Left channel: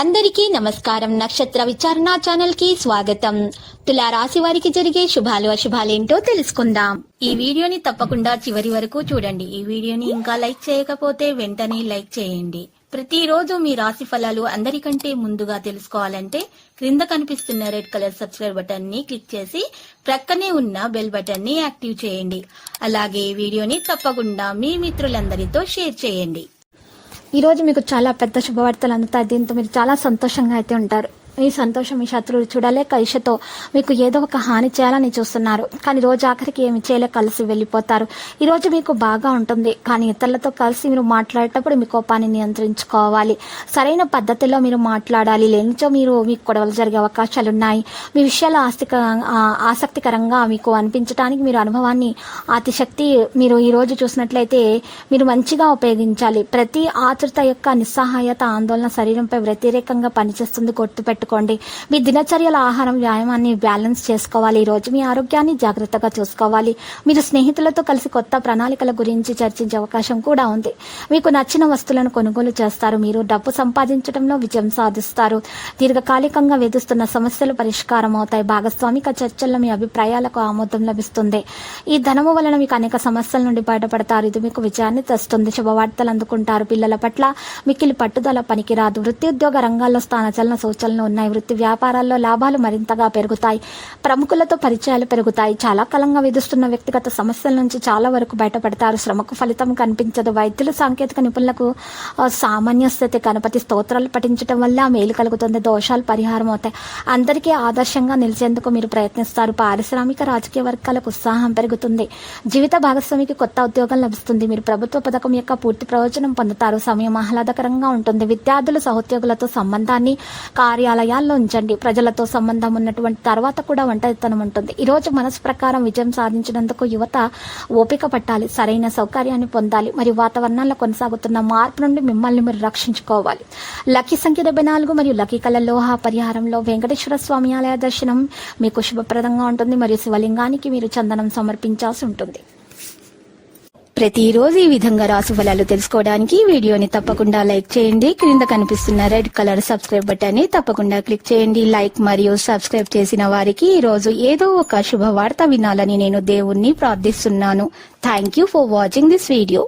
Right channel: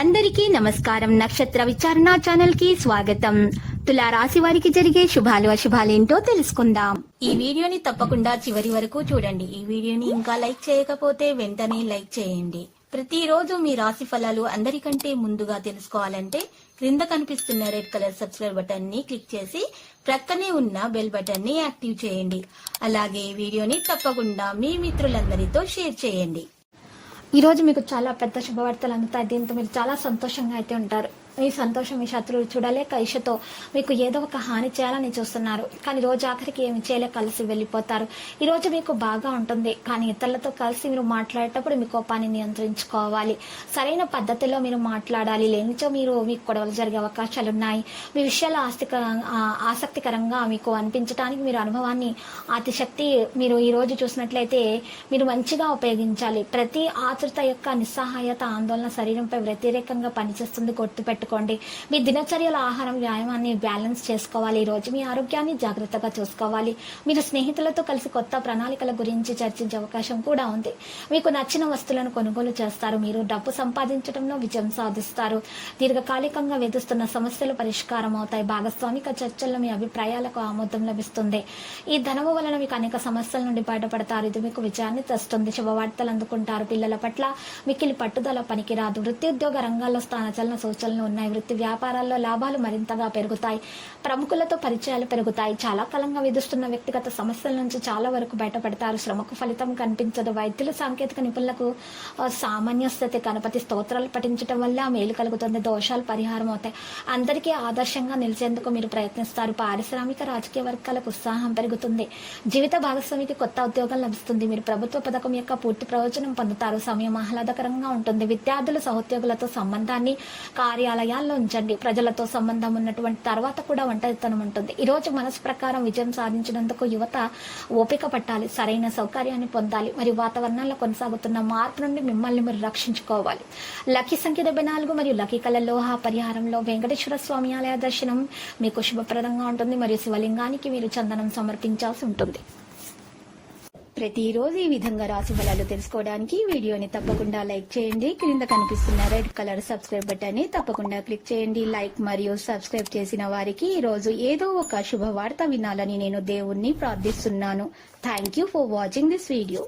అందరికీ నమస్కారం. నక్షత్ర విచారణ ఛానల్ కి స్వాగతం. తులా రాశి వారికి జరిగే శుభాలు అశుభాలేంటో తెలుసుకుందాం. ఈ వీడియోని తప్పకుండా చివరి వరకు చూడండి. ఈ వీడియోని ఇంకా లైక్ చేయకపోతే వెంటనే లైక్ చేయండి. ప్రతిరోజు మీ రాశి ఫలాలు అందరికంటే ముందుగా తెలుసుకోవాలంటే క్రింద కనిపిస్తున్న రెడ్ కలర్ సబ్స్క్రైబ్ బటన్ ని క్లిక్ చేసి ప్రక్కనే ఉన్న బెల్ బటన్ ని యాక్టివ్ చేయండి. అలాగే ఈ వీడియోని తప్పకుండా మీ మిత్రులందరితో షేర్ చేయండి. ఈ రోజు మీకు చాలా పెద్ద శుభవార్తలు అందుతాయి. దీంతో మీరు చాలా సంతోషంగా అయితే ఉంటారు. ఈ సంతోషం మీ శత్రువులు చూడలేక ఈషతో మీకు ఏదో ఒక హాని చేయాలని చూస్తున్నారు. కానీ రోజు ఆఖరికి ఏమి చేయలేక కలిసి వెళ్ళిపోతారు. ఈ రోజు మీకు బాగా ఉంటుంది, కానీ ఇతరులతో కలిసి మీరు మాట్లాడేటప్పుడు మీ కోపాన్ని నియంత్రించుకోవాలి. సరైన పద్ధతిలో మీరు మాట్లాడాలి. లేనిచో మీకు గొడవలు జరిగే అవకాశాలు ఉన్నాయి. మీ విషయాలు ఆసక్తికరంగా మీకు అనిపించడానికి మీరు అనుభవాన్ని అతిశక్తి మీరు ఈ రోజు చూసినట్లయితే మీరు మంచిగా ఉపయోగించాలి. ప్రతి ఆతృత యొక్క నిస్సహాయత ఆందోళన శరీరంపై వ్యతిరేకంగా పనిచేస్తుంది. గుర్తుపెట్టుకోండి. మీ దినచర్యల ఆహారం వ్యాయామాన్ని బ్యాలెన్స్ చేసుకోవాలి. ఈ రోజు మీ ఆరోగ్యాన్ని జాగ్రత్తగా చూసుకోవాలి. మీరు స్నేహితులతో కలిసి కొత్త ప్రణాళికల గురించి చర్చించే అవకాశం కూడా ఉంది. మీకు నచ్చిన వస్తువులను కొనుగోలు చేస్తారు. మీరు డబ్బు సంపాదించడంలో విజయం సాధిస్తారు. దీర్ఘకాలికంగా వేధిస్తున్న సమస్యలు పరిష్కారం అవుతాయి. భాగస్వామిక చర్చల్లో మీ అభిప్రాయాలకు ఆమోదం లభిస్తుంది. ఈ ధనము వలన మీకు అనేక సమస్యల నుండి బయటపడతారు. ఇది మీకు విజయాన్ని తెస్తుంది. శుభవార్తలు అందుకుంటారు. పిల్లల పట్ల మిక్కిలి పట్టుదల పనికిరాదు. వృత్తి ఉద్యోగ రంగాల్లో స్థానచలన సూచనలు ఉన్నాయి. వృత్తి వ్యాపారాల్లో లాభాలు మరింతగా పెరుగుతాయి. ప్రముఖులతో పరిచయాలు పెరుగుతాయి. చాలా కాలంగా వేధిస్తున్న వ్యక్తిగత సమస్యల నుంచి చాలా వరకు బయటపడతారు. శ్రమకు ఫలితం కనిపించదు. వైద్యులు సాంకేతిక నిపుణులకు సామాన్య స్థితి గణపతి స్తోత్రాలు పఠించడం వల్ల మేలు కలుగుతుంది. దోషాలు పరిహారం అవుతాయి. అందరికీ ఆదర్శంగా నిలిచేందుకు మీరు ప్రయత్నిస్తారు. పారిశ్రామిక రాజకీయ వర్గాలకు ఉత్సాహం పెరుగుతుంది. జీవిత భాగస్వామికి కొత్త ఉద్యోగం లభిస్తుంది. మీరు ప్రభుత్వ పథకం యొక్క పూర్తి ప్రయోజనం పొందుతారు. సమయం ఆహ్లాదకరంగా ఉంటుంది. విద్యార్థులు సహోద్యోగులతో సంబంధాన్ని కార్యాలయాల్లో ఉంచండి. ప్రజలతో సంబంధం ఉన్నటువంటి తర్వాత కూడా ఒంటరితనం ఉంటుంది. ఈ రోజు మనసు ప్రకారం విజయం సాధించినందుకు యువత ఓపిక పట్టాలి. సరైన సౌకర్యాన్ని పొందాలి మరియు వాతావరణంలో కొనసాగుతున్న మార్పు నుండి మిమ్మల్ని మీరు రక్షించుకోవాలి. లక్కీ సంఖ్య 74 మరియు లక్కీ కలర్ లోహ పరిహారంలో వెంకటేశ్వర స్వామి ఆలయ దర్శనం మీకు శుభప్రదంగా ఉంటుంది మరియు శివలింగానికి మీరు చందనం సమర్పించాల్సి ఉంటుంది. ప్రతిరోజు ఈ విధంగా రాశి ఫలాలు తెలుసుకోవడానికి వీడియోని తప్పకుండా లైక్ చేయండి. క్రింద కనిపిస్తున్న రెడ్ కలర్ సబ్స్క్రైబ్ బటన్ ని తప్పకుండా క్లిక్ చేయండి. లైక్ మరియు సబ్స్క్రైబ్ చేసిన వారికి ఈ రోజు ఏదో ఒక శుభవార్త వినాలని నేను దేవుణ్ణి ప్రార్థిస్తున్నాను. Thank you for watching this video.